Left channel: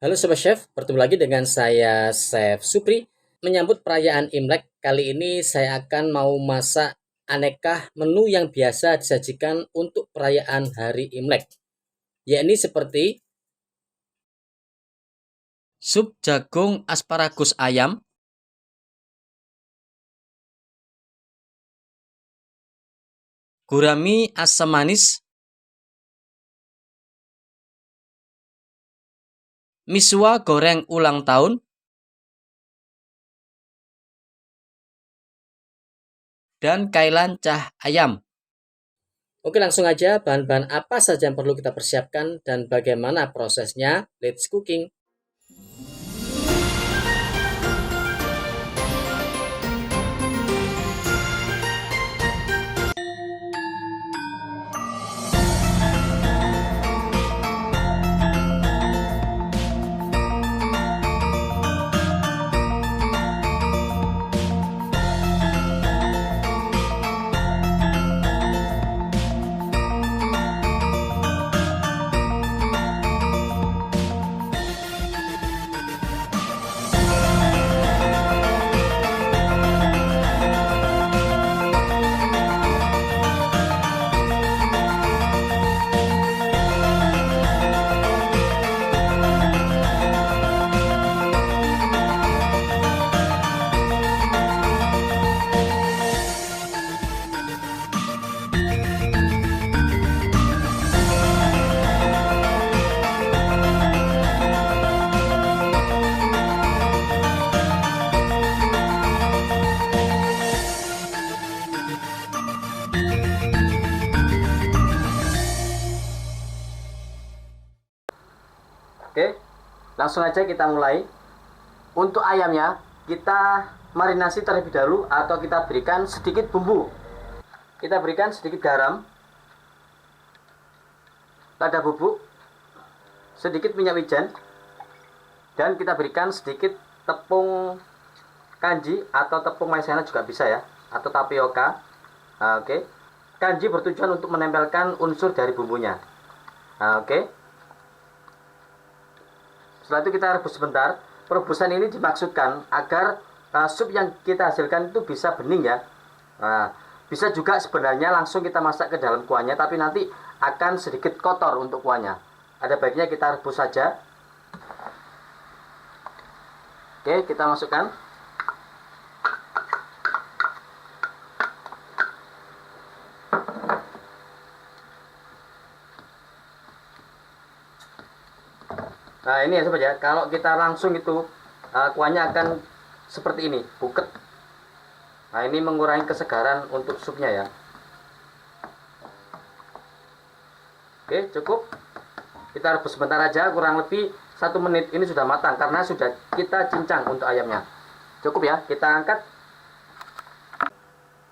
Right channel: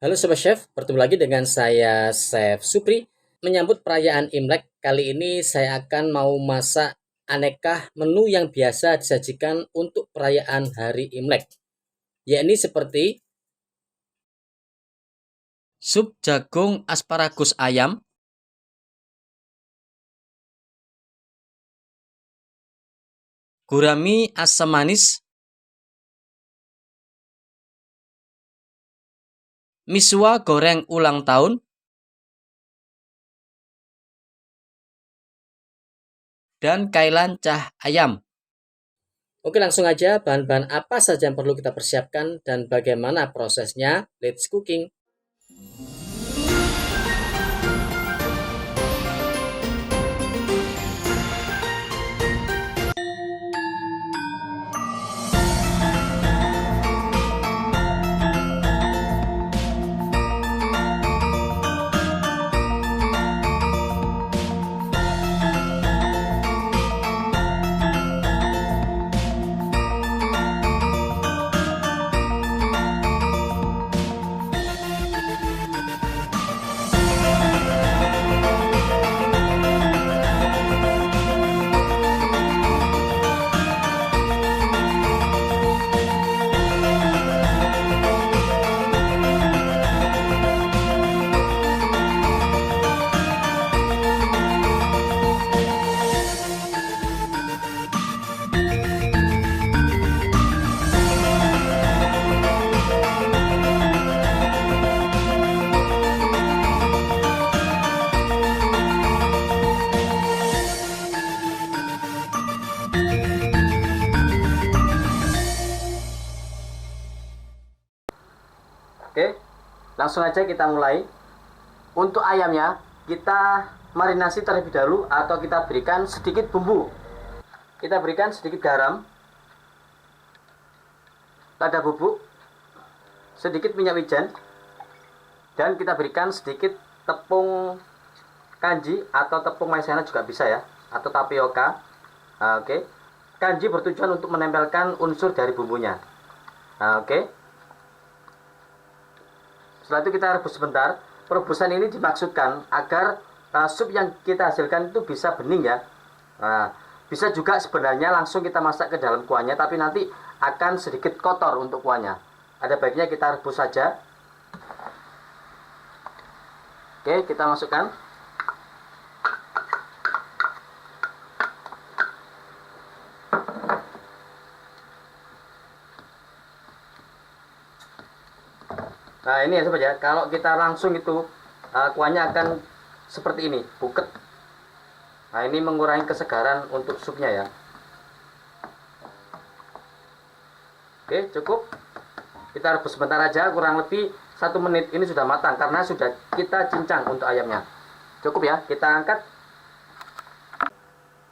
Halo Sobat Chef, bertemu lagi dengan saya Chef Supri. Menyambut perayaan Imlek, kali ini saya akan mau masak aneka menu yang biasa disajikan untuk perayaan hari Imlek. Yakni seperti sup jagung asparagus ayam, gurami asam manis, miswa goreng ulang tahun, dan kailan cah ayam. Oke, langsung aja bahan-bahan apa saja yang perlu kita persiapkan dan bagaimana prosesnya. Let's cooking. Oke, langsung aja kita mulai. Untuk ayamnya, kita marinasi terlebih dahulu atau kita berikan sedikit bumbu. Kita berikan sedikit garam, lada bubuk, sedikit minyak wijen, dan kita berikan sedikit tepung kanji atau tepung maizena juga bisa ya, atau tapioka. Oke. Kanji bertujuan untuk menempelkan unsur dari bumbunya. Oke. Setelah itu kita rebus sebentar. Perebusan ini dimaksudkan agar sup yang kita hasilkan itu bisa bening ya. Bisa juga sebenarnya langsung kita masak ke dalam kuahnya, tapi nanti akan sedikit kotor untuk kuahnya. Ada baiknya kita rebus saja. Oke, kita masukkan. Nah ini ya sobat ya, kalau kita langsung itu kuahnya akan seperti ini, buket. Nah ini mengurangi kesegaran untuk supnya ya. Oke, cukup. Kita rebus sebentar aja, kurang lebih 1 menit. Ini sudah matang karena sudah kita cincang untuk ayamnya. Cukup ya, kita angkat.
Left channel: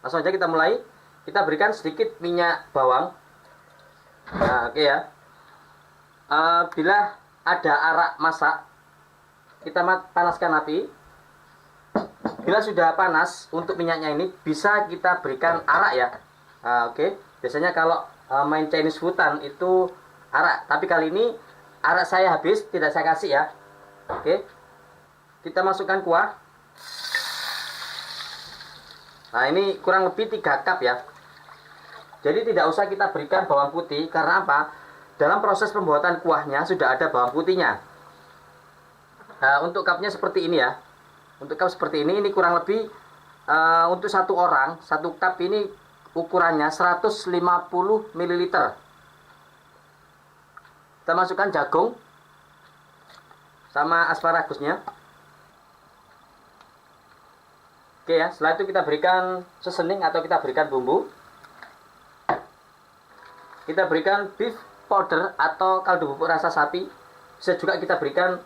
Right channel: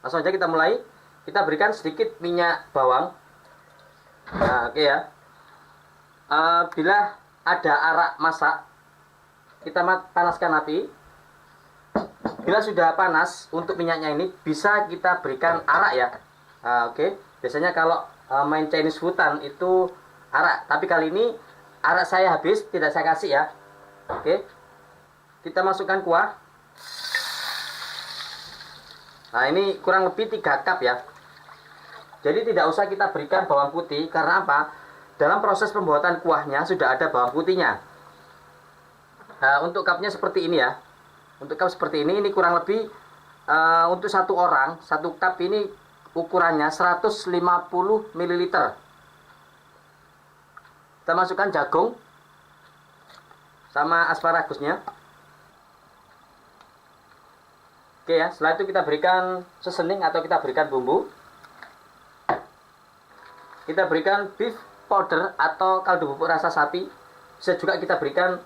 Langsung aja kita mulai. Kita berikan sedikit minyak bawang. Nah oke ya. Bila ada arak masak, kita panaskan api. Bila sudah panas untuk minyaknya ini, bisa kita berikan arak ya. Oke. Biasanya kalau main Chinese foodan itu arak, tapi kali ini arak saya habis, tidak saya kasih ya. Oke. Kita masukkan kuah. Nah ini kurang lebih 3 cup ya. Jadi tidak usah kita berikan bawang putih, karena apa? Dalam proses pembuatan kuahnya sudah ada bawang putihnya. Nah, untuk cupnya seperti ini ya. Untuk cup seperti ini kurang lebih untuk 1 orang, 1 cup ini ukurannya 150 ml. Kita masukkan jagung sama asparagusnya. Oke ya, setelah itu kita berikan seasoning atau kita berikan bumbu. Kita berikan beef powder atau kaldu bubuk rasa sapi. Bisa juga kita berikan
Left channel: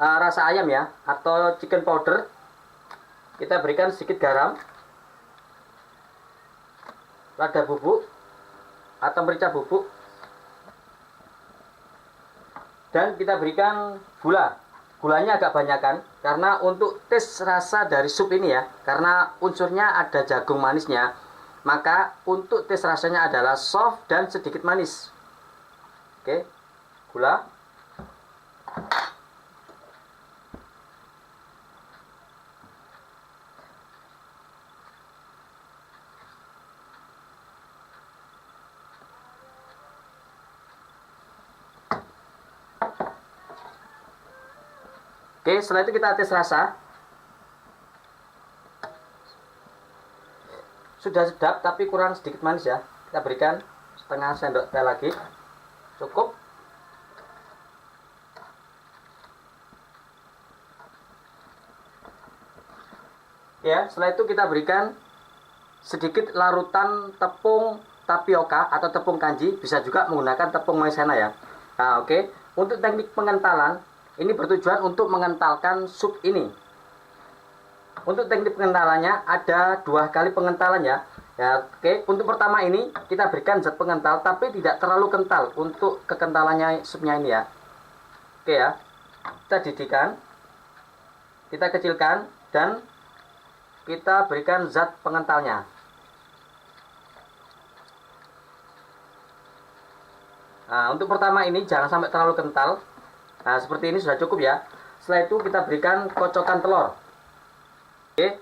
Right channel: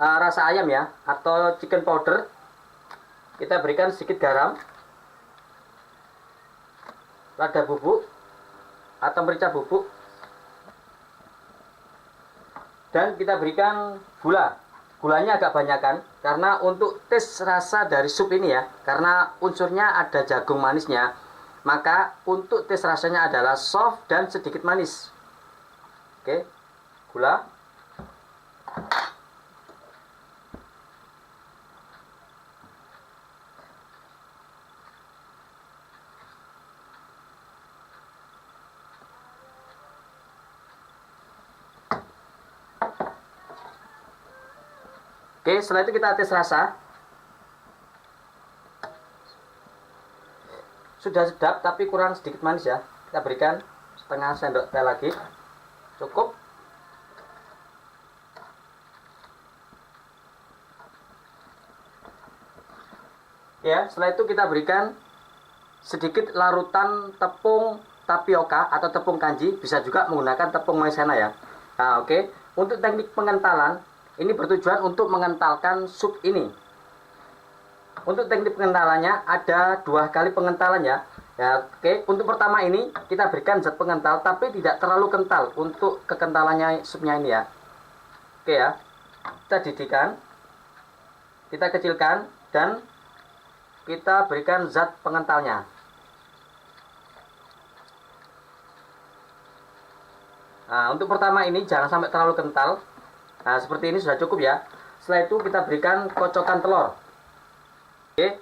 rasa ayam ya, atau chicken powder. Kita berikan sedikit garam, lada bubuk atau merica bubuk, dan kita berikan gula. Gulanya agak banyakan karena untuk tes rasa dari sup ini ya, karena unsurnya ada jagung manisnya, maka untuk tes rasanya adalah soft dan sedikit manis. Oke, gula. Oke, setelah itu kita tes rasa. Sudah sedap tapi kurang sedikit manis ya. Kita berikan setengah sendok teh lagi. Cukup. Ya, setelah itu kita berikan sedikit larutan tepung tapioka atau tepung kanji, bisa juga menggunakan tepung maizena ya. Nah, oke. Untuk teknik pengentalan, ini bertujuan untuk mengentalkan sup ini. Untuk teknik pengentalannya ada 2 kali pengentalan ya. Ya, oke. Untuk pertama ini kita berikan zat pengental tapi tidak terlalu kental untuk kekentalannya supnya ini ya. Oke ya. Kita didihkan. Kita kecilkan dan kita berikan zat pengentalnya. Nah, untuk pertama ini jangan sampai terlalu kental. Nah, seperti ini sudah cukup ya. Setelah itu kita berikan kocokan telur. Oke,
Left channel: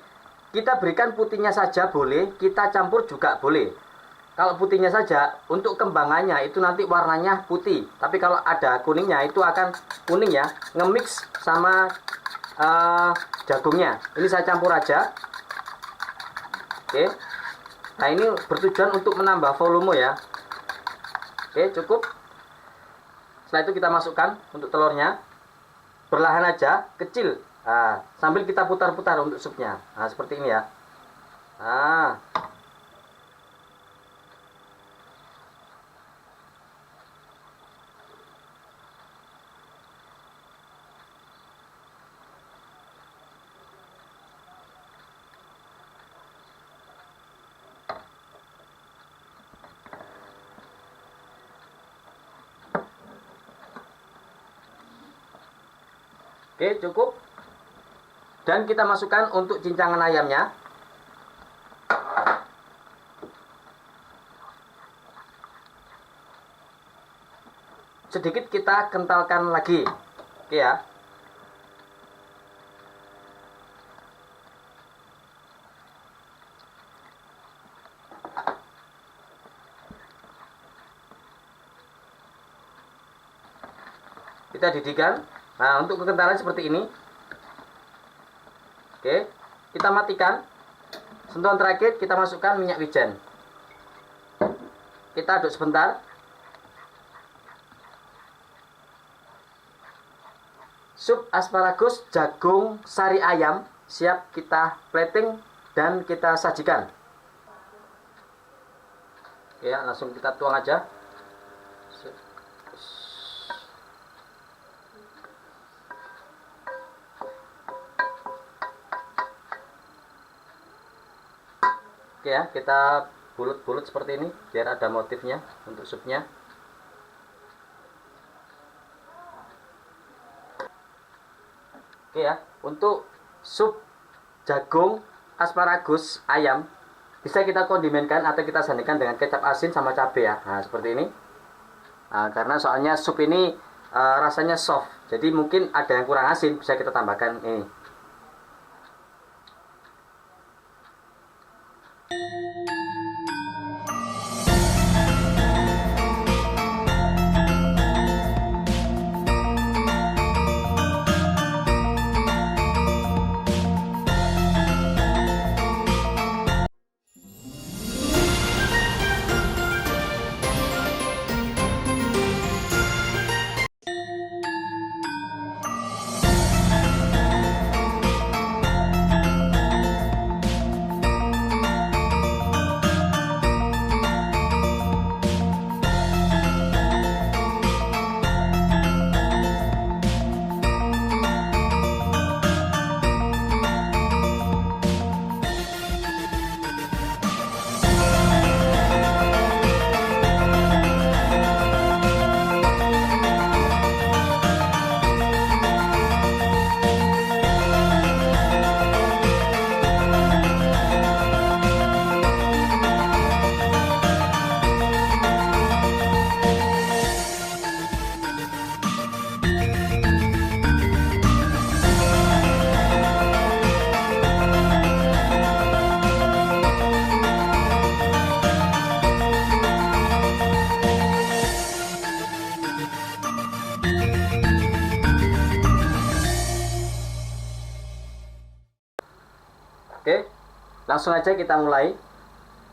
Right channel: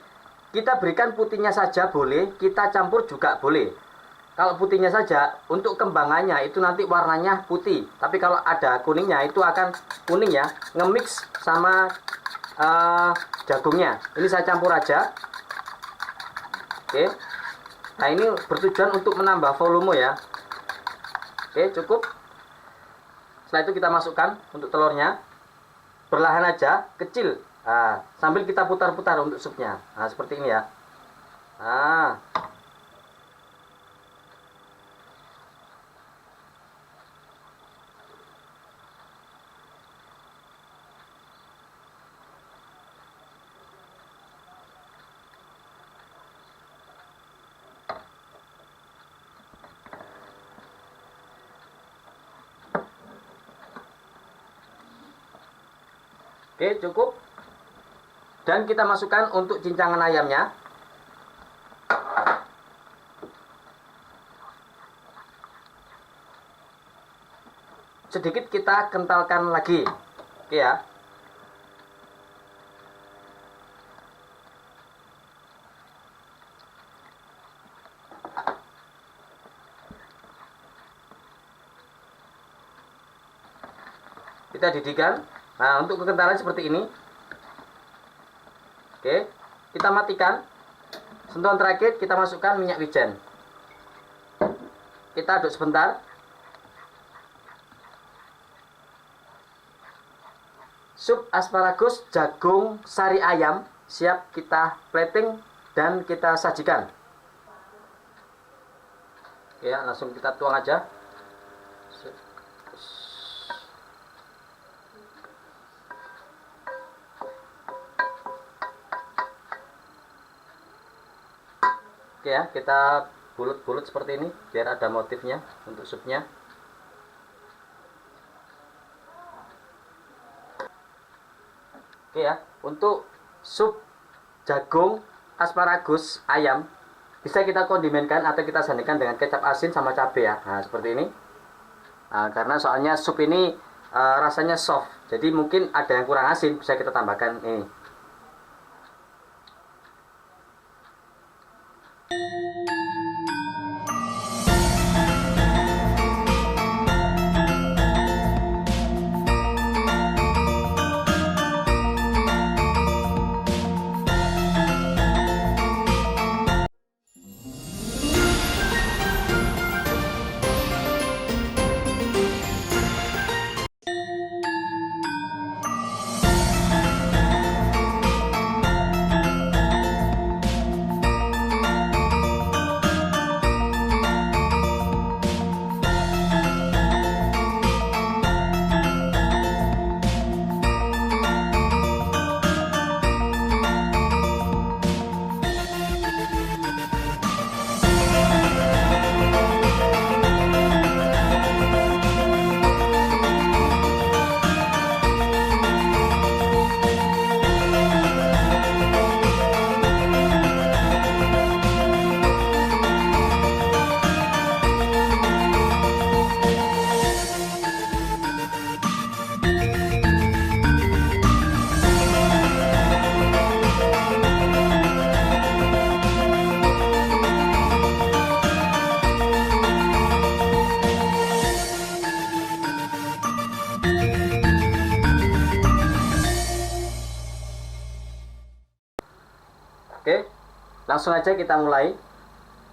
kita berikan putihnya saja boleh, kita campur juga boleh. Kalau putihnya saja, untuk kembangannya itu nanti warnanya putih. Tapi kalau ada kuningnya itu akan kuning ya, nge-mix sama jagungnya. Ini saya campur aja. Oke, nah ini bertujuan untuk menambah volume ya. Oke, cukup. Setelah itu kita masukkan untuk telurnya. Perlahan aja, kecil. Nah, sambil kita putar-putar untuk supnya. Nah, seperti ini ya. Nah. Oke, cukup. Dan kita masukkan untuk cincangan ayamnya. Sedikit kita kentalkan lagi. Oke ya. Kita didihkan. Nah, untuk kekentalan seperti ini. Oke, kita matikan. Sentuhan terakhir kita masukkan minyak wijen. Kita aduk sebentar. Sup asparagus jagung sari ayam siap kita plating dan kita sajikan. Ya, langsung kita tuang aja. Oke ya, kita bulut-bulut seperti ini biar ada motifnya untuk supnya. Oke ya, untuk sup jagung asparagus ayam bisa kita kondimenkan atau kita sandingkan dengan kecap asin sama cabai ya. Nah, seperti ini. Nah, karena soalnya sup ini rasanya soft, jadi mungkin ada yang kurang asin, bisa kita tambahkan ini. Langsung aja kita mulai.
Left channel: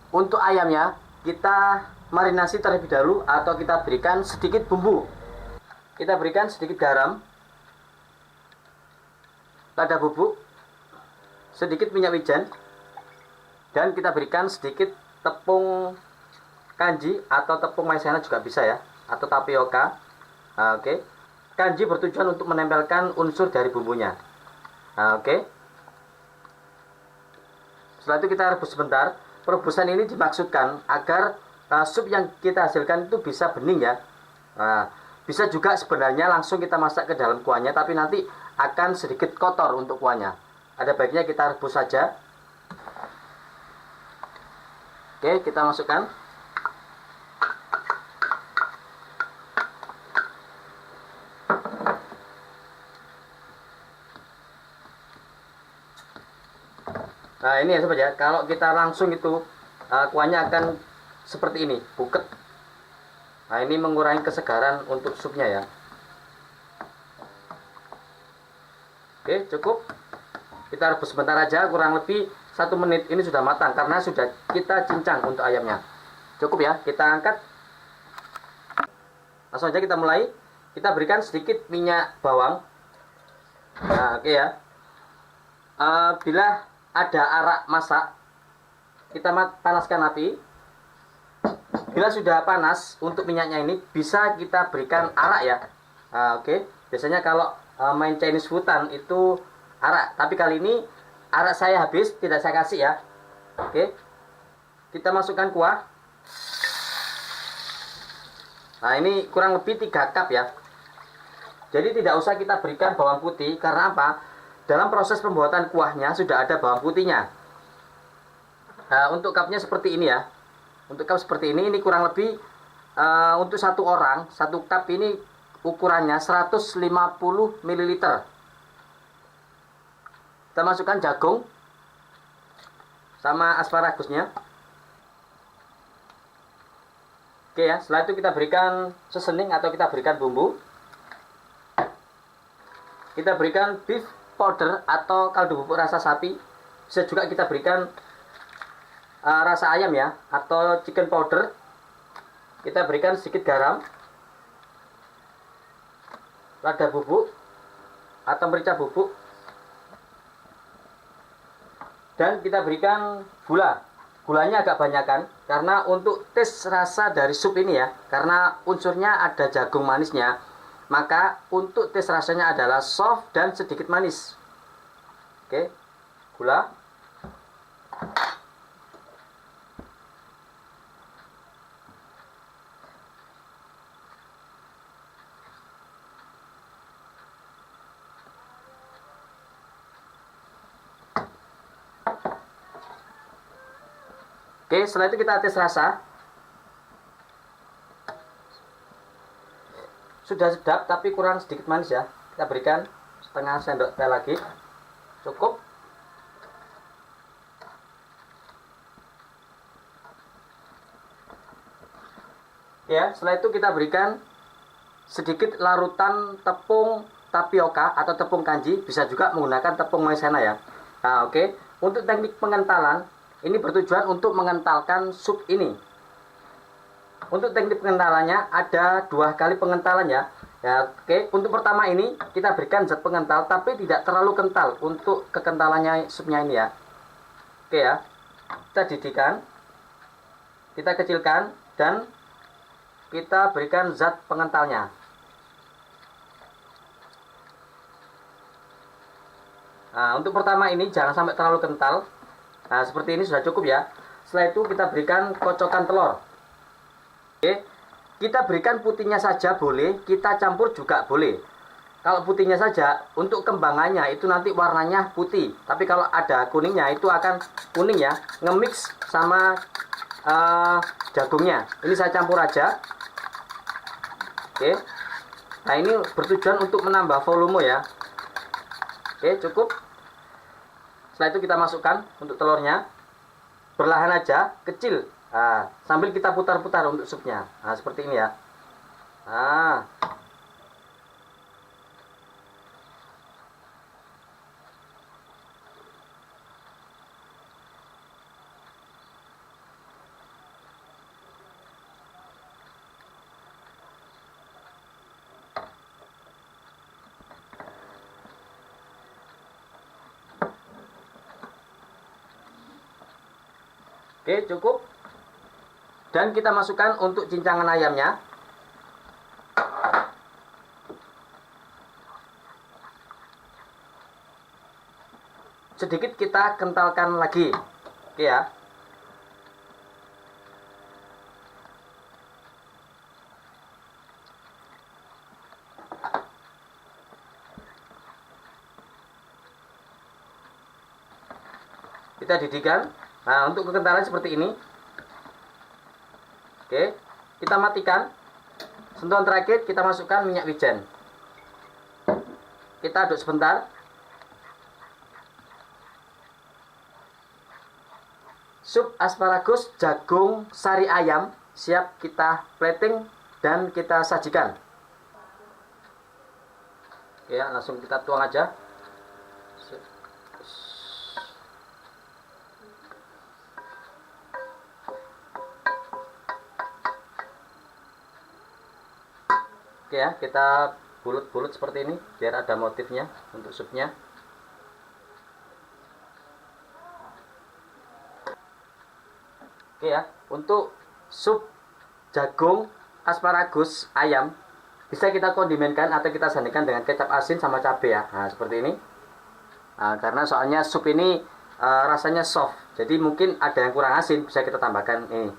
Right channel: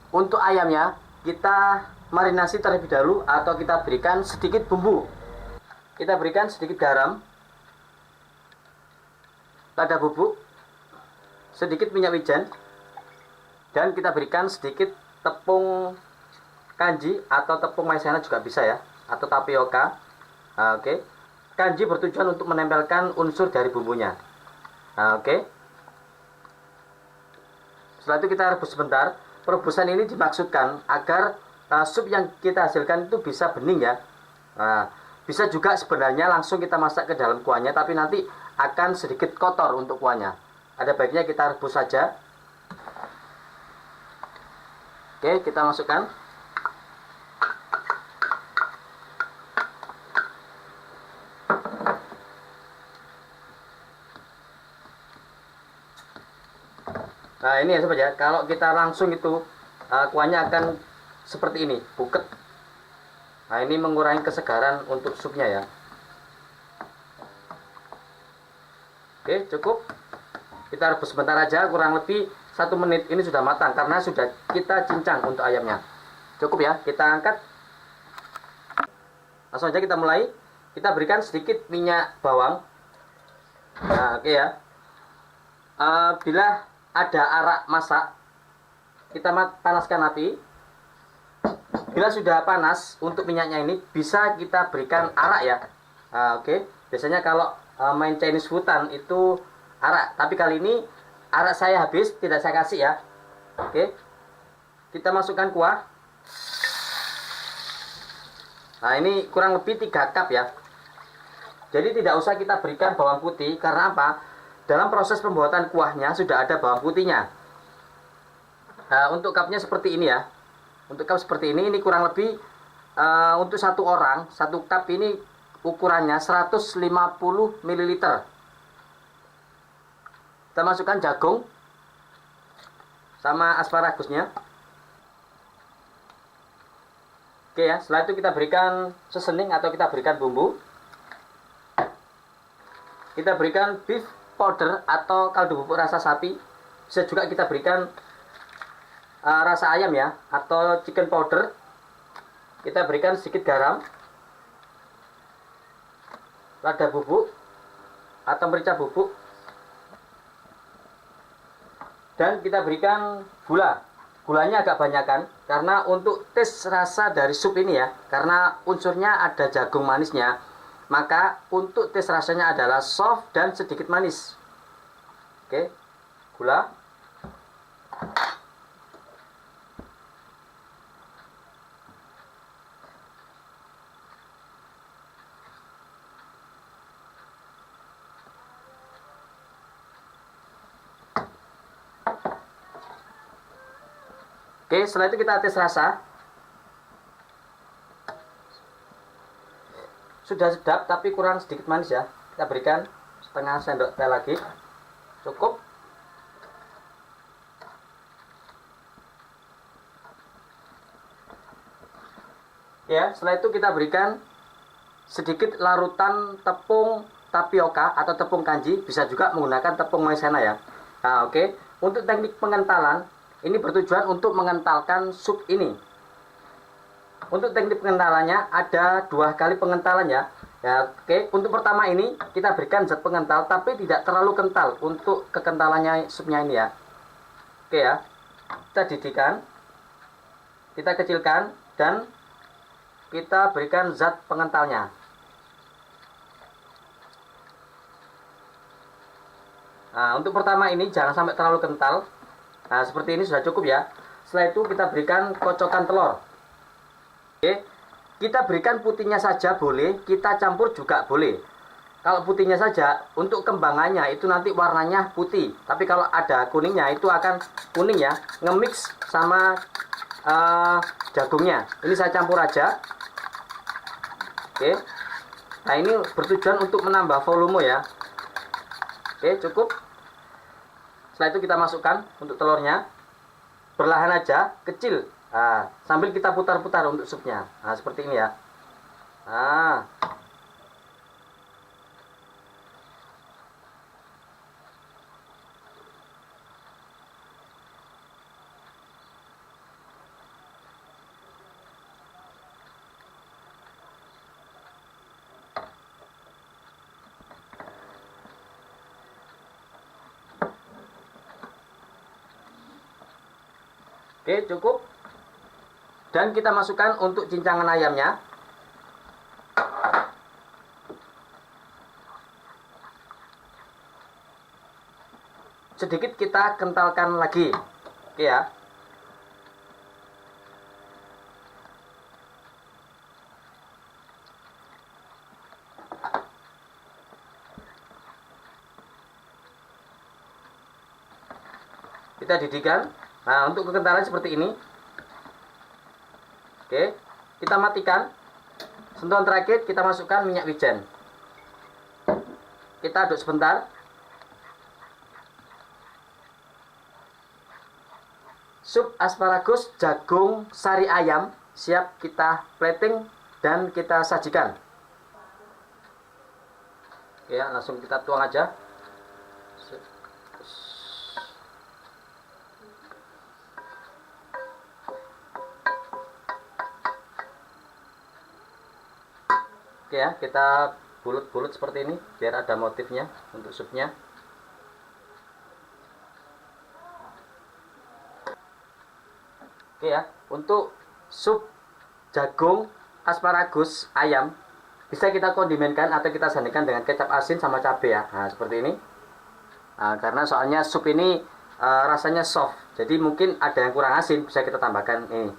Untuk ayamnya kita marinasi terlebih dahulu atau kita berikan sedikit bumbu. Kita berikan sedikit garam, lada bubuk, sedikit minyak wijen, dan kita berikan sedikit tepung kanji atau tepung maizena juga bisa ya, atau tapioka. Oke. Kanji bertujuan untuk menempelkan unsur dari bumbunya. Oke. Setelah itu kita rebus sebentar. Perebusan ini dimaksudkan agar sup yang kita hasilkan itu bisa bening ya. Bisa juga sebenarnya langsung kita masak ke dalam kuahnya, tapi nanti akan sedikit kotor untuk kuahnya. Ada baiknya kita rebus saja. Oke, kita masukkan. Nah ini ya sobat ya, kalau kita langsung itu kuahnya akan seperti ini, buket. Nah ini mengurangi kesegaran untuk supnya ya. Oke, cukup. Kita rebus sebentar aja, kurang lebih 1 menit. Ini sudah matang karena sudah kita cincang untuk ayamnya. Cukup ya, kita angkat. Langsung aja kita mulai. Kita berikan sedikit minyak bawang. Nah oke ya. Bila ada arak masak, kita panaskan api. Bila sudah panas untuk minyaknya ini, bisa kita berikan arak ya. Oke. Biasanya kalau main Chinese foodan itu arak, tapi kali ini arak saya habis, tidak saya kasih ya. Oke. Kita masukkan kuah. Nah ini kurang lebih 3 cup ya. Jadi tidak usah kita berikan bawang putih, karena apa? Dalam proses pembuatan kuahnya sudah ada bawang putihnya. Nah, untuk cupnya seperti ini ya. Untuk cup seperti ini kurang lebih untuk 1 orang, 1 cup ini ukurannya 150 ml. Kita masukkan jagung sama asparagusnya. Oke ya, setelah itu kita berikan seasoning atau kita berikan bumbu. Kita berikan beef powder atau kaldu bubuk rasa sapi. Bisa juga kita berikan rasa ayam ya, atau chicken powder. Kita berikan sedikit garam, lada bubuk atau merica bubuk, dan kita berikan gula. Gulanya agak banyakan karena untuk tes rasa dari sup ini ya, karena unsurnya ada jagung manisnya, maka untuk tes rasanya adalah soft dan sedikit manis. Oke, gula. Oke, setelah itu kita tes rasa. Sudah sedap tapi kurang sedikit manis ya. Kita berikan setengah sendok teh lagi. Cukup. Ya, setelah itu kita berikan sedikit larutan tepung tapioka atau tepung kanji, bisa juga menggunakan tepung maizena ya. Nah, oke. Untuk teknik pengentalan, ini bertujuan untuk mengentalkan sup ini. Untuk teknik pengentalannya ada 2 kali pengentalan ya. Ya, oke. Untuk pertama ini kita berikan zat pengental tapi tidak terlalu kental untuk kekentalannya supnya ini ya. Oke ya. Kita didihkan. Kita kecilkan dan kita berikan zat pengentalnya. Nah, untuk pertama ini jangan sampai terlalu kental. Nah, seperti ini sudah cukup ya. Setelah itu kita berikan kocokan telur. Oke, kita berikan putihnya saja boleh, kita campur juga boleh. Kalau putihnya saja, untuk kembangannya itu nanti warnanya putih. Tapi kalau ada kuningnya itu akan kuning ya, nge-mix sama jagungnya. Ini saya campur aja. Oke. Nah, ini bertujuan untuk menambah volume ya. Oke, cukup. Setelah itu kita masukkan untuk telurnya. Perlahan aja, kecil. Nah, sambil kita putar-putar untuk supnya. Nah, seperti ini ya. Nah. Oke, cukup. Dan kita masukkan untuk cincangan ayamnya. Sedikit kita kentalkan lagi. Oke ya. Kita didihkan. Nah, untuk kekentalan seperti ini. Oke, kita matikan. Sentuhan terakhir kita masukkan minyak wijen. Kita aduk sebentar. Sup asparagus jagung sari ayam siap kita plating dan kita sajikan. Ya, langsung kita tuang aja. Oke ya, kita bulut-bulut seperti ini biar ada motifnya untuk supnya. Oke ya, untuk sup jagung asparagus ayam bisa kita kondimenkan atau kita sandingkan dengan kecap asin sama cabai ya. Nah, seperti ini. Nah, karena soalnya sup ini rasanya soft, jadi mungkin ada yang kurang asin, bisa kita tambahkan ini.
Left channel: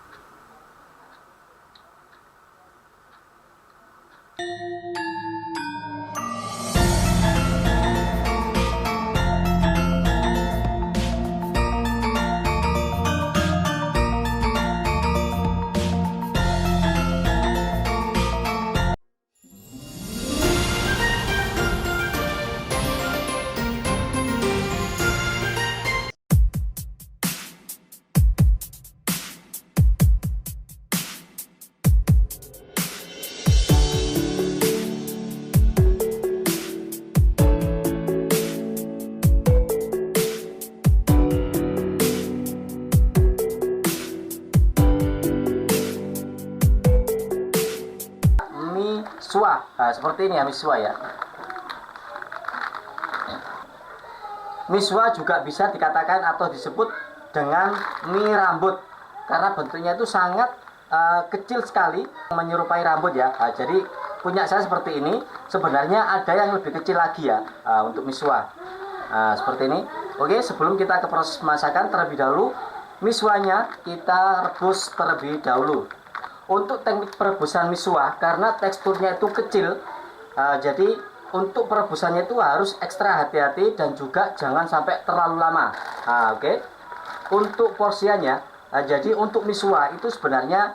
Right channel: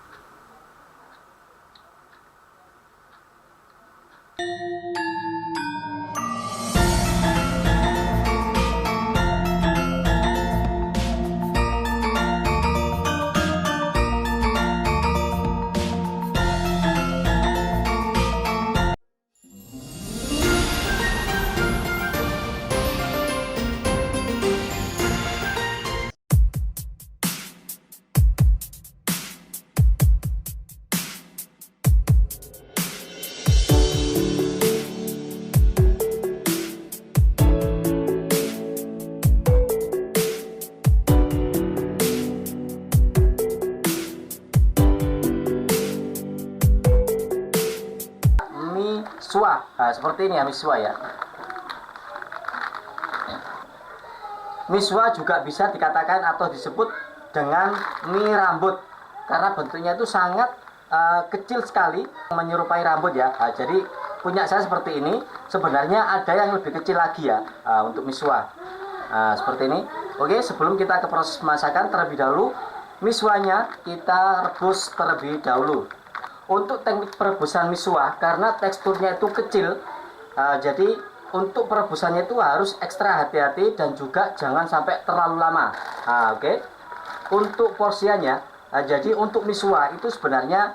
Miswa, nah, seperti ini ya miswa ya. Miswa juga bisa dikatakan atau disebut dengan mie rambut karena bentuknya itu sangat kecil sekali, menyerupai rambut ya. Nah, jadi punya saya seperti ini. Sebenarnya ada yang lebih kecil lagi ya untuk miswa. Nah, seperti ini. Oke, sebelum kita ke proses pemasakan, terlebih dahulu miswanya kita rebus terlebih dahulu. Untuk teknik perebusan miswa, karena teksturnya itu kecil, jadi untuk perebusannya itu harus ekstra hati-hati dan juga jangan sampai terlalu lama. Oke. Untuk porsiannya, jadi untuk miswa itu sebenarnya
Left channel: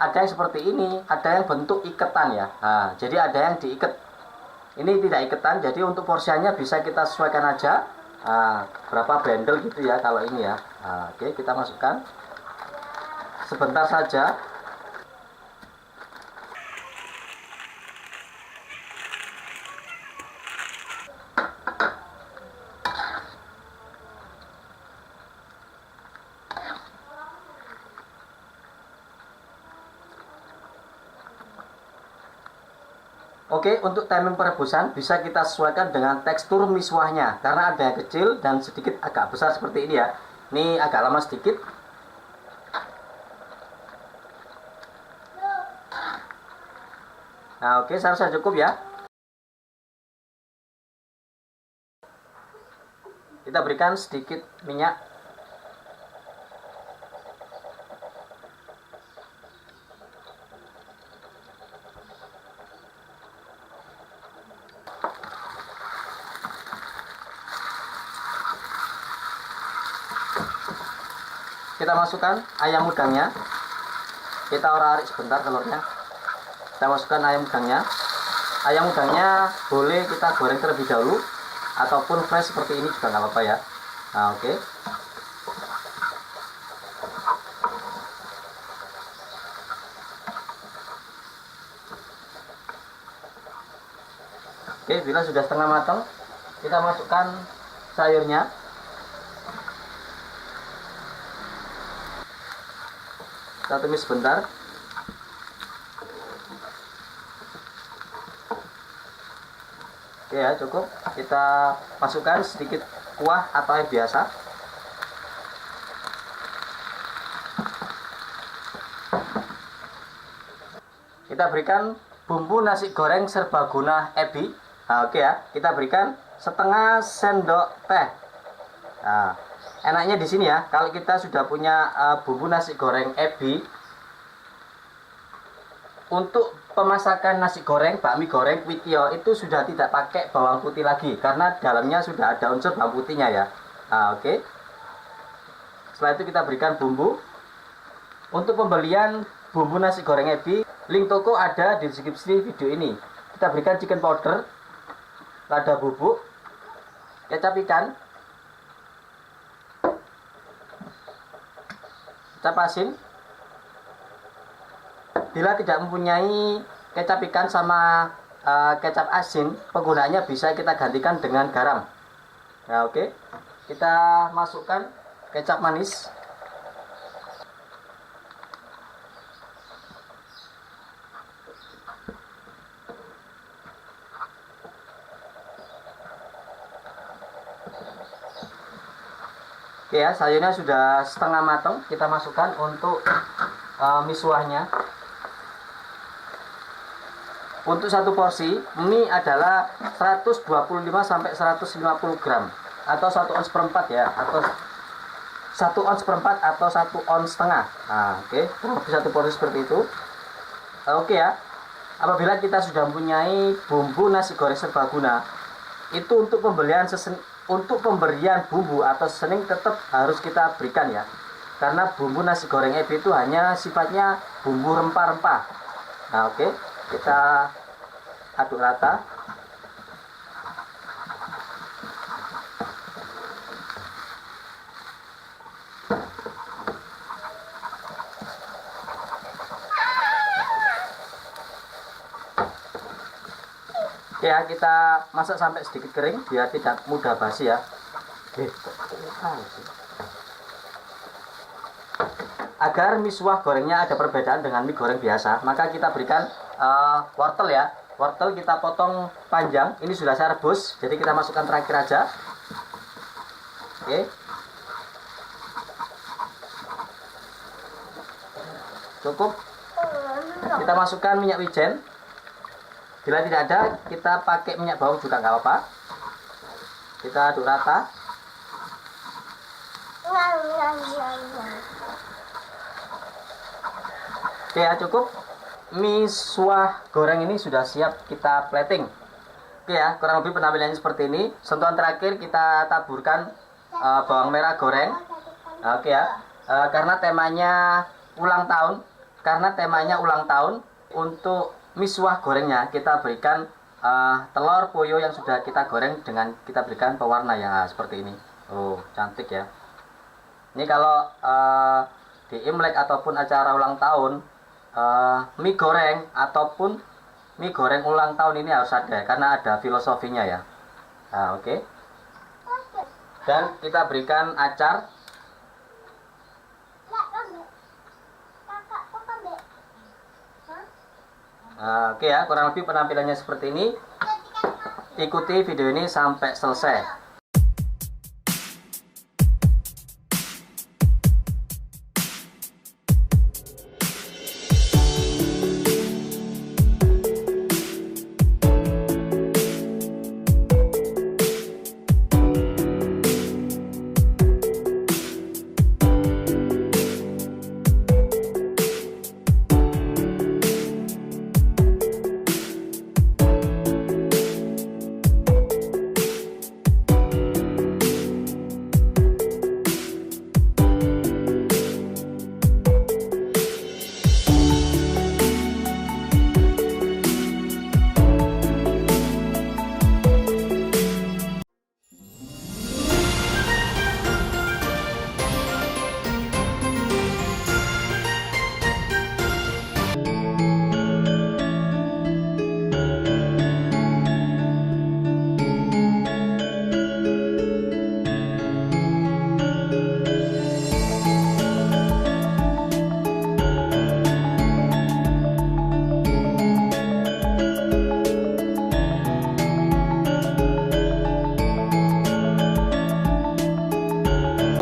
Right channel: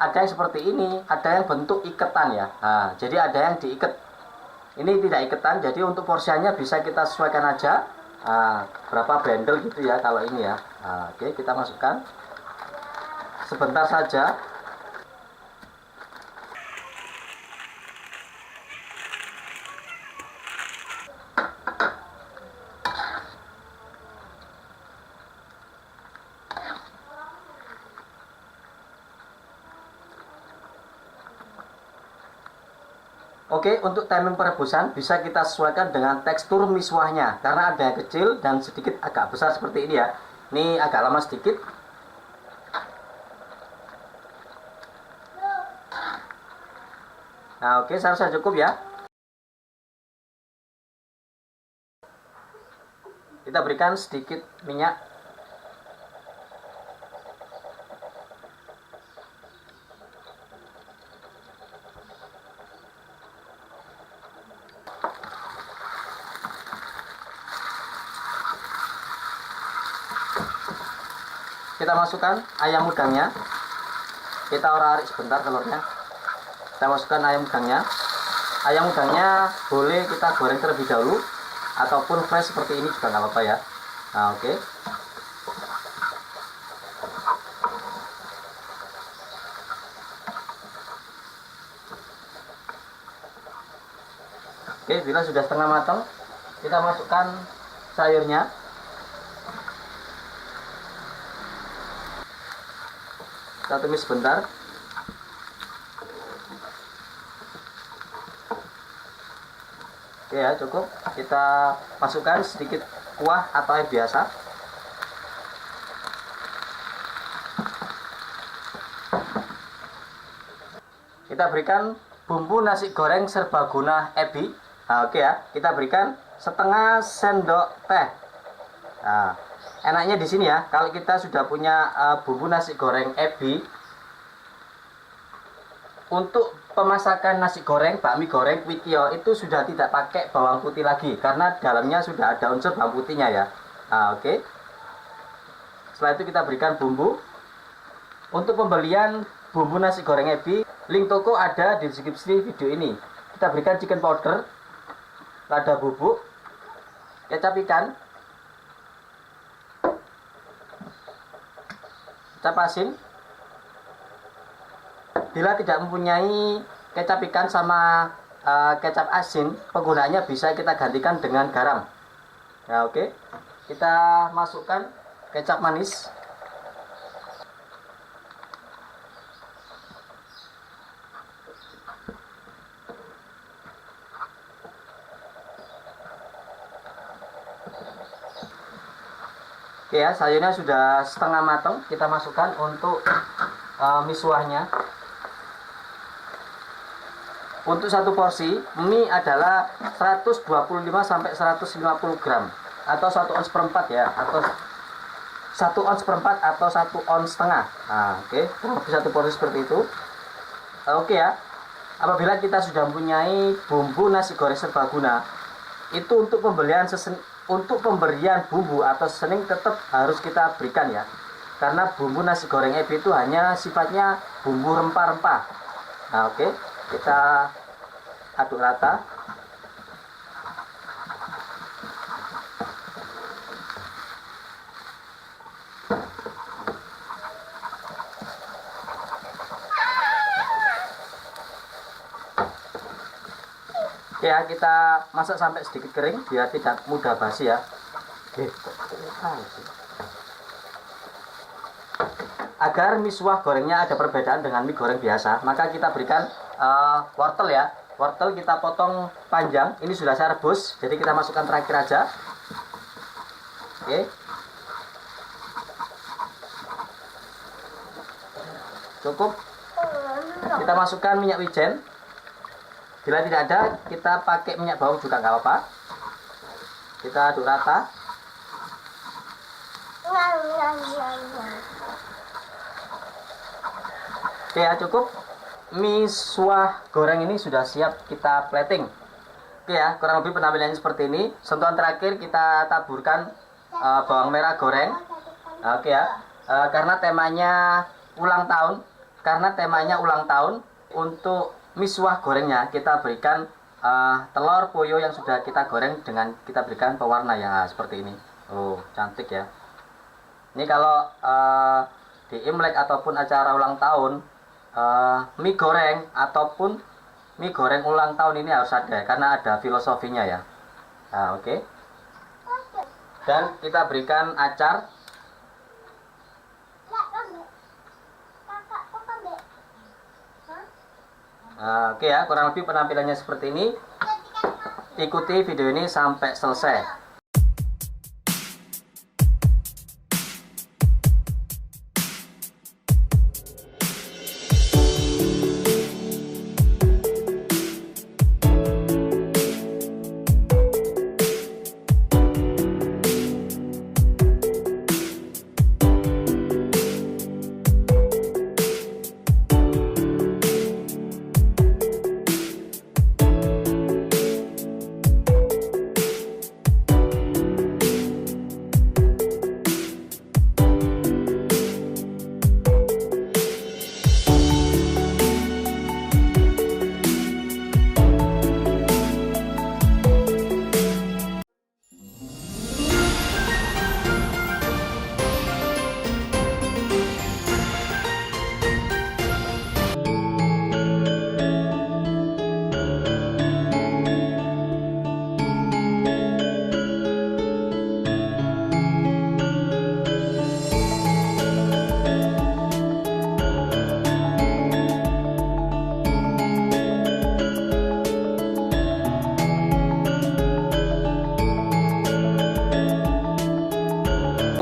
ada yang seperti ini, ada yang bentuk iketan ya. Jadi ada yang diikat. Ini tidak iketan, jadi untuk porsiannya bisa kita sesuaikan aja. Berapa bendel gitu ya kalau ini ya. Oke, kita masukkan sebentar saja. Oke, untuk timing perebusan bisa kita sesuaikan dengan tekstur miswahnya. Karena ada yang kecil dan sedikit agak besar seperti ini ya. Ini agak lama sedikit. Nah, oke, saya rasa cukup ya. Kita berikan sedikit minyak. Kita masukkan ayam udangnya. Kita orak-arik sebentar telurnya. Kita masukkan ayam udangnya. Ayam udangnya boleh kita goreng terlebih dahulu ataupun fresh seperti ini juga nggak apa-apa ya. Nah, oke. Oke, bila sudah setengah matang, kita masukkan sayurnya. Kita tumis sebentar. Oke ya, cukup. Kita masukkan sedikit kuah atau air biasa. kita berikan bumbu nasi goreng serbaguna Ebi. Nah, oke ya, kita berikan setengah sendok teh. Nah, enaknya di sini ya, kalau kita sudah punya bumbu nasi goreng Ebi, untuk pemasakan nasi goreng, bakmi goreng, kwitio itu sudah tidak pakai bawang putih lagi karena dalamnya sudah ada unsur bawang putihnya ya. Nah, oke. Setelah itu kita berikan bumbu. Untuk pembelian bumbu nasi goreng Ebi, link toko ada di deskripsi video ini. Kita berikan chicken powder, lada bubuk, kecap ikan, kecap asin. Bila tidak mempunyai kecap ikan sama kecap asin, penggunaannya bisa kita gantikan dengan garam. Nah, oke. Kita masukkan kecap manis. Oke ya, sayurnya sudah setengah matang. Kita masukkan untuk miswahnya. Untuk satu porsi mie adalah 125 sampai 150 gram atau 1 ons seperempat ya, atau 1 ons seperempat atau 1 ons setengah. Nah, oke, lebih satu porsi seperti itu. Oke ya. Apabila kita sudah mempunyai bumbu nasi goreng serbaguna, itu untuk pemberian bumbu atau seasoning tetap harus kita berikan ya, karena bumbu nasi goreng Ebi itu hanya sifatnya bumbu rempah-rempah. Nah, oke, kita aduk rata. Ya, kita masak sampai sedikit kering biar tidak mudah basi ya. Agar miswah gorengnya ada perbedaan dengan mie goreng biasa, maka kita berikan wortel ya. Wortel kita potong panjang. Ini sudah saya rebus, jadi kita masukkan terakhir aja. Oke. Cukup. Kita masukkan minyak wijen. Bila tidak ada, kita pakai minyak bawang juga nggak apa-apa. Kita aduk rata. Oke ya, cukup. Miswah goreng ini sudah siap kita plating. Oke ya, kurang lebih penampilannya seperti ini. Sentuhan terakhir kita taburkan bawang merah goreng. Oke ya, karena temanya ulang tahun, untuk miswah gorengnya kita berikan telur poyo yang sudah kita goreng dengan kita berikan pewarna ya, seperti ini. Oh, cantik ya. Ini kalau di Imlek ataupun acara ulang tahun, mie goreng ataupun mie goreng ulang tahun ini harus ada karena ada filosofinya ya. Nah, oke. Dan kita berikan acar. Oke ya, kurang lebih penampilannya seperti ini. Ikuti video ini sampai selesai.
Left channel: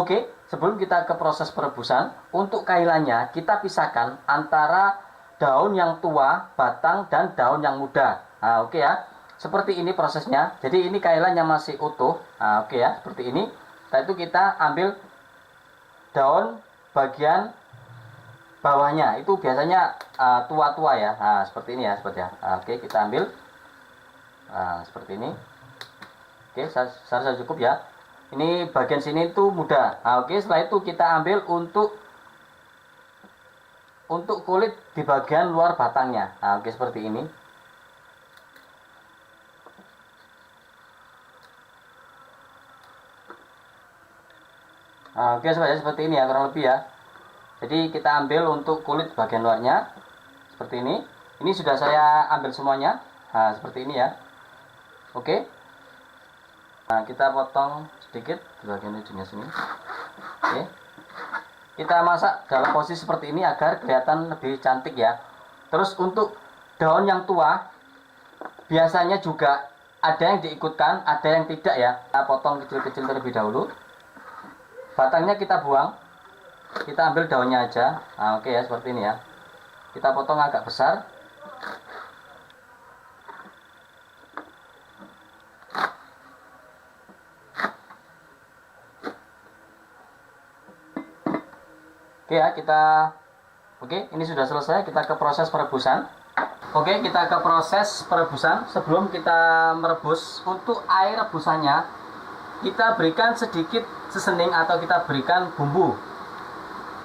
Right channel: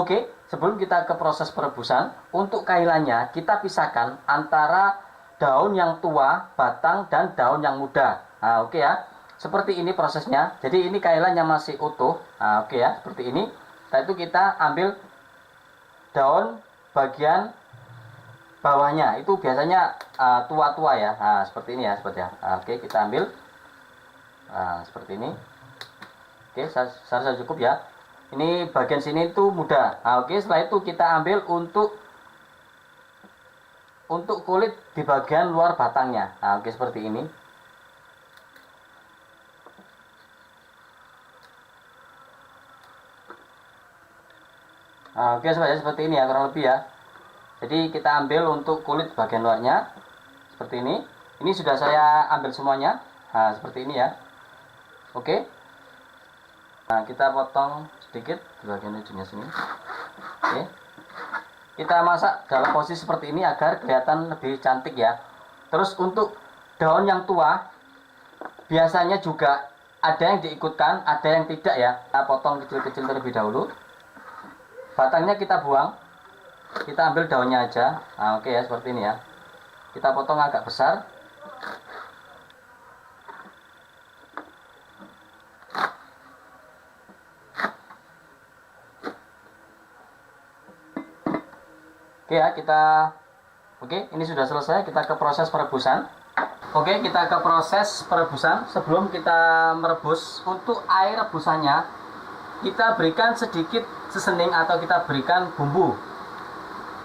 Oke, sebelum kita ke proses perebusan, untuk kailannya kita pisahkan antara daun yang tua, batang, dan daun yang muda. Nah, oke ya. Seperti ini prosesnya. Jadi ini kailannya masih utuh. Nah, oke ya, seperti ini. Setelah itu kita ambil daun bagian bawahnya. Itu biasanya tua-tua ya. Nah, seperti ini ya, seperti ya. Nah, oke, kita ambil. Nah, seperti ini. Oke, saya cukup ya. Ini bagian sini itu muda. Nah, oke, setelah itu kita ambil untuk kulit di bagian luar batangnya. Nah, oke, seperti ini. Nah, oke, seperti ini ya, kurang lebih ya. Jadi kita ambil untuk kulit bagian luarnya seperti ini. Ini sudah saya ambil semuanya. Nah, seperti ini ya. Oke. Nah, kita potong sedikit di bagian ujungnya sini. Oke. Kita masak dalam posisi seperti ini agar kelihatan lebih cantik ya. Terus untuk daun yang tua biasanya juga ada yang diikutkan, ada yang tidak ya. Kita potong kecil-kecil terlebih dahulu. Batangnya kita buang. Kita ambil daunnya aja. Nah, oke ya, seperti ini ya. Kita potong agak besar. Oke ya, oke, ini sudah selesai. Kita ke proses perebusan. Oke, kita ke proses perebusan. Sebelum kita merebus, untuk air rebusannya kita berikan sedikit sesening atau kita berikan bumbu.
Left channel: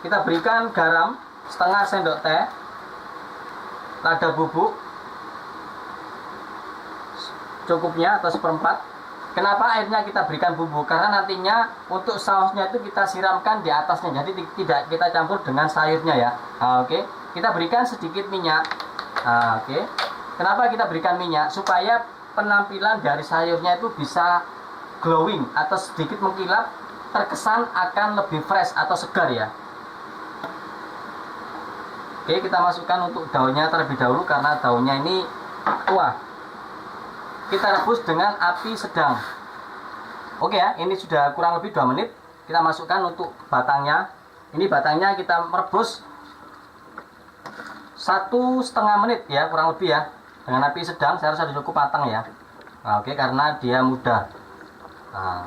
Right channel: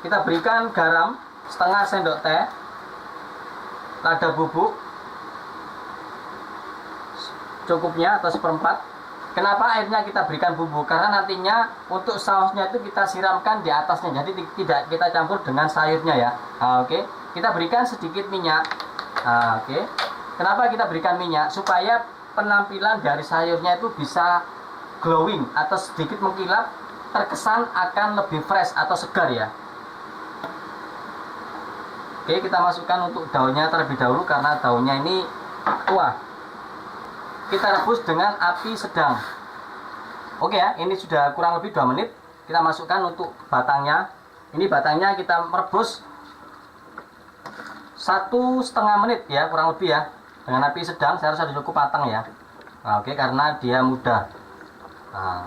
Kita berikan garam setengah sendok teh, lada bubuk cukupnya atau seperempat. Kenapa airnya kita berikan bumbu? Karena nantinya untuk sausnya itu kita siramkan di atasnya, jadi tidak kita campur dengan sayurnya ya. Nah, oke, kita berikan sedikit minyak. Nah, oke, kenapa kita berikan minyak? Supaya penampilan dari sayurnya itu bisa glowing atau sedikit mengkilap, terkesan akan lebih fresh atau segar ya. Oke, kita masukkan untuk daunnya terlebih dahulu karena daunnya ini tua. Kita rebus dengan api sedang. Oke ya, ini sudah kurang lebih 2 menit. Kita masukkan untuk batangnya. Ini batangnya kita merebus 1,5 menit ya, kurang lebih ya. Dengan api sedang, saya rasa cukup matang ya. Nah, oke, karena dia muda. Nah.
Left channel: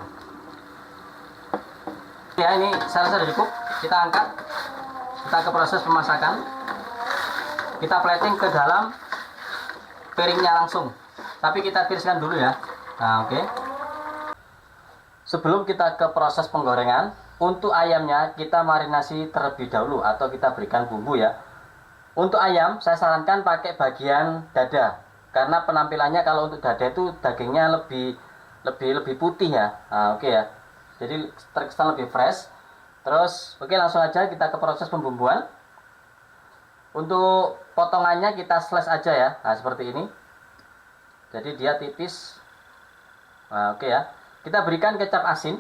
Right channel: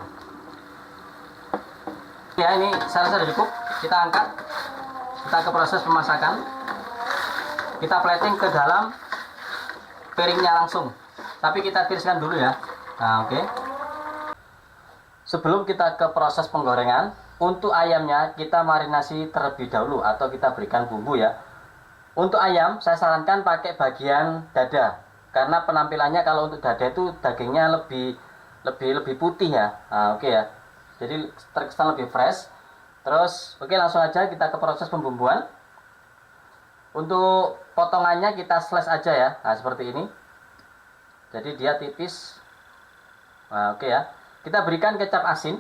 Ya, ini saya rasa sudah cukup. Kita angkat. Kita ke proses pemasakan. Kita plating ke dalam piringnya langsung. Tapi kita tiriskan dulu ya. Nah, oke. Sebelum kita ke proses penggorengan, untuk ayamnya kita marinasi terlebih dahulu atau kita berikan bumbu ya. Untuk ayam, saya sarankan pakai bagian dada. Karena penampilannya kalau untuk dada itu dagingnya lebih putih ya. Nah, oke ya. Jadi terkesan lebih fresh. Terus, oke, langsung aja kita ke proses pembumbuan. Untuk potongannya kita slice aja ya. Nah, seperti ini. Jadi dia tipis. Nah, oke ya. Kita berikan kecap asin.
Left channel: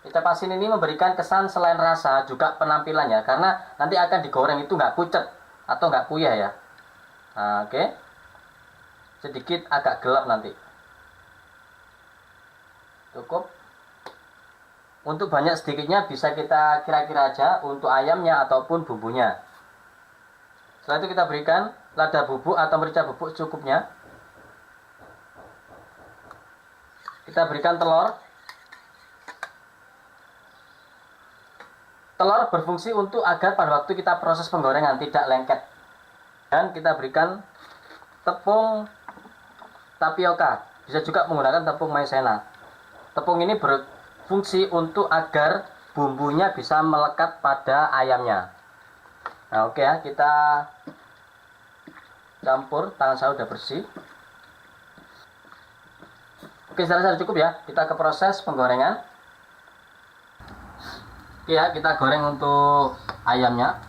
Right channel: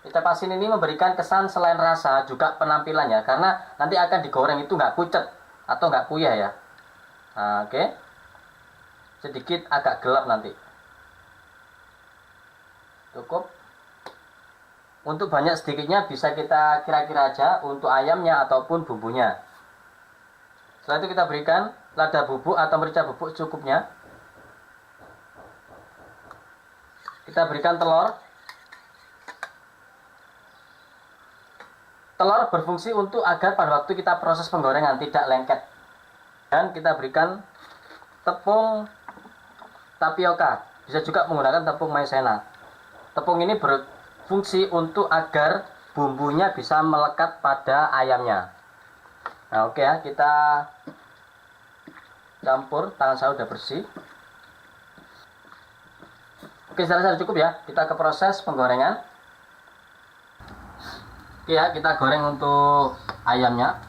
Kecap asin ini memberikan kesan selain rasa juga penampilannya, karena nanti akan digoreng itu nggak pucet atau nggak kuyah ya. Nah, oke. Sedikit agak gelap nanti. Cukup. Untuk banyak sedikitnya bisa kita kira-kira aja untuk ayamnya ataupun bumbunya. Setelah itu kita berikan lada bubuk atau merica bubuk cukupnya. Kita berikan telur. Telur berfungsi untuk agar pada waktu kita proses penggorengan tidak lengket. Dan kita berikan tepung tapioka. Bisa juga menggunakan tepung maizena. Tepung ini berfungsi untuk agar bumbunya bisa melekat pada ayamnya. Nah, oke ya, kita campur. Tangan saya udah bersih. Oke, sudah cukup ya. Kita ke proses penggorengan. Oke ya, kita goreng untuk ayamnya.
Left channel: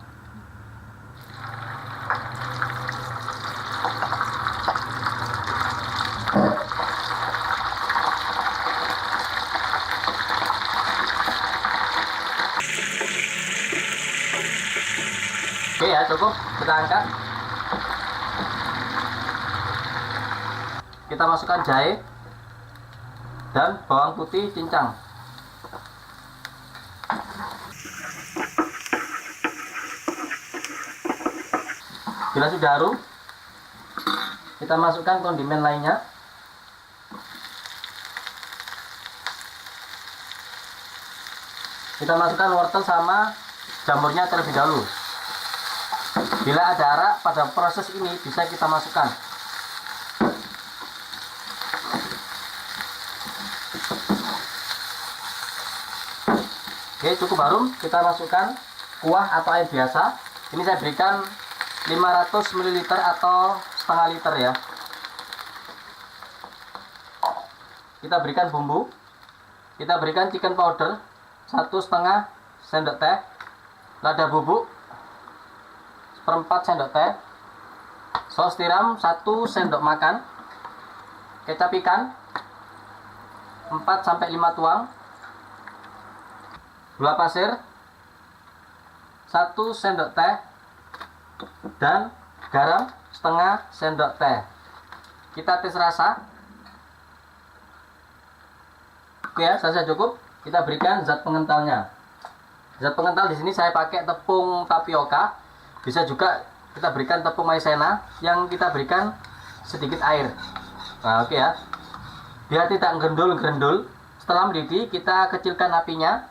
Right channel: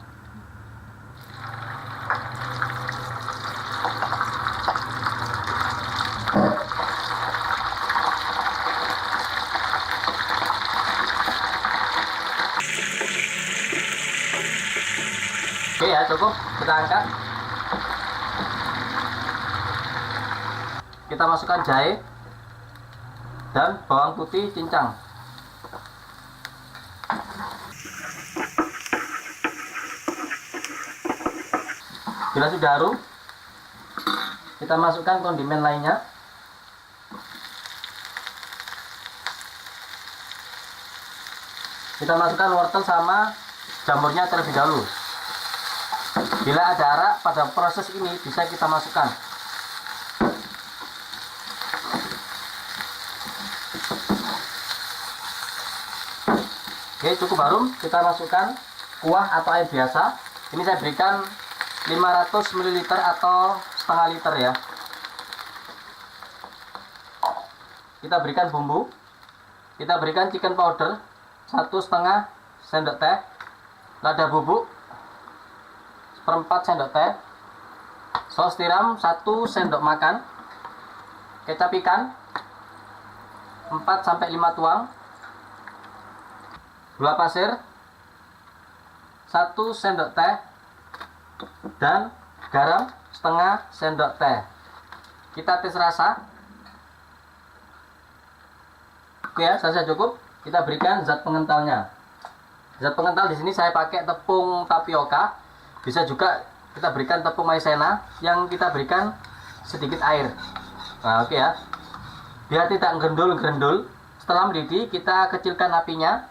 Oke ya, cukup. Kita angkat. Kita masukkan jahe dan bawang putih cincang. Bila sudah harum, kita masukkan kondimen lainnya. Kita masukkan wortel sama jamurnya terlebih dahulu. Bila ada arak pada proses ini bisa kita masukkan. Oke, cukup harum, kita masukkan kuah atau air biasa. Ini saya berikan 500 ml atau setengah liter ya. Kita berikan bumbu. Kita berikan chicken powder 1,5 sendok teh, lada bubuk 1/4 sendok teh, saus tiram 1 sendok makan, kecap ikan 4-5 tuang, gula pasir 1 sendok teh, dan garam setengah sendok teh. Kita tes rasa. Oke ya, saya cukup. Kita berikan zat pengentalnya. Zat pengental di sini saya pakai tepung tapioka. Bisa juga kita berikan tepung maizena yang kita berikan sedikit air. Nah, oke ya. Biar tidak gerendul-gerendul. Setelah mendidih, kita kecilkan apinya.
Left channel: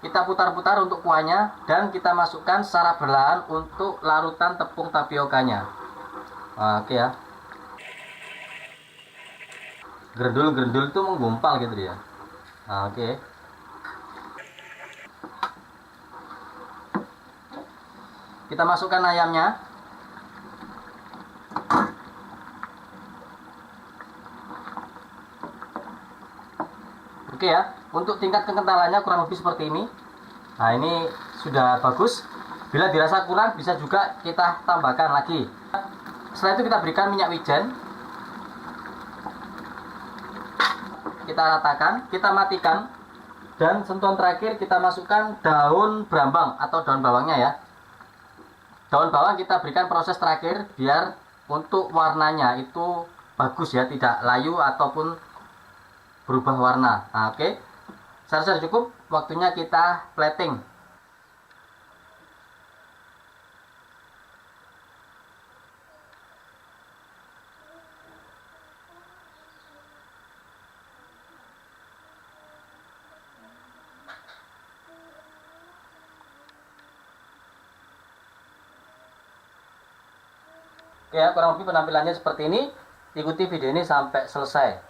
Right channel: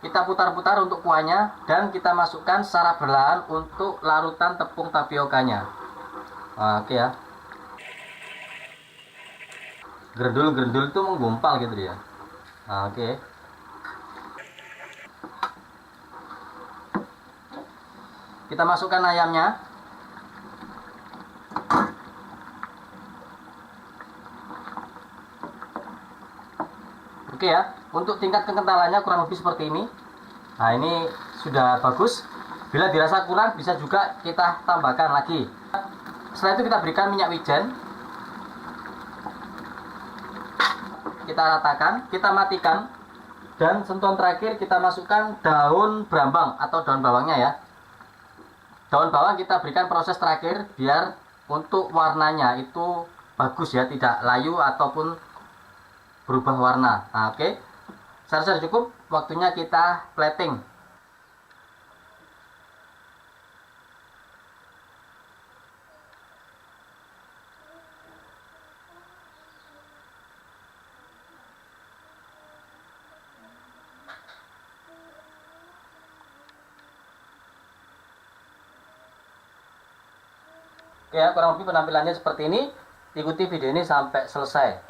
Kita putar-putar untuk kuahnya dan kita masukkan secara perlahan untuk larutan tepung tapiokanya. Nah, oke ya. Gerendul-gerendul itu menggumpal gitu ya. Nah, oke. Kita masukkan ayamnya. Oke ya. Untuk tingkat kekentalannya kurang lebih seperti ini. Nah, ini sudah bagus. Bila dirasa kurang bisa juga kita tambahkan lagi. Setelah itu kita berikan minyak wijen. Kita ratakan, kita matikan, dan sentuhan terakhir kita masukkan daun brambang atau daun bawangnya ya. Daun bawang kita berikan proses terakhir biar untuk warnanya itu bagus ya, tidak layu ataupun berubah warna. Nah, oke. Saya rasa cukup, waktunya kita plating. Oke ya, kurang lebih penampilannya seperti ini. Ikuti video ini sampai selesai.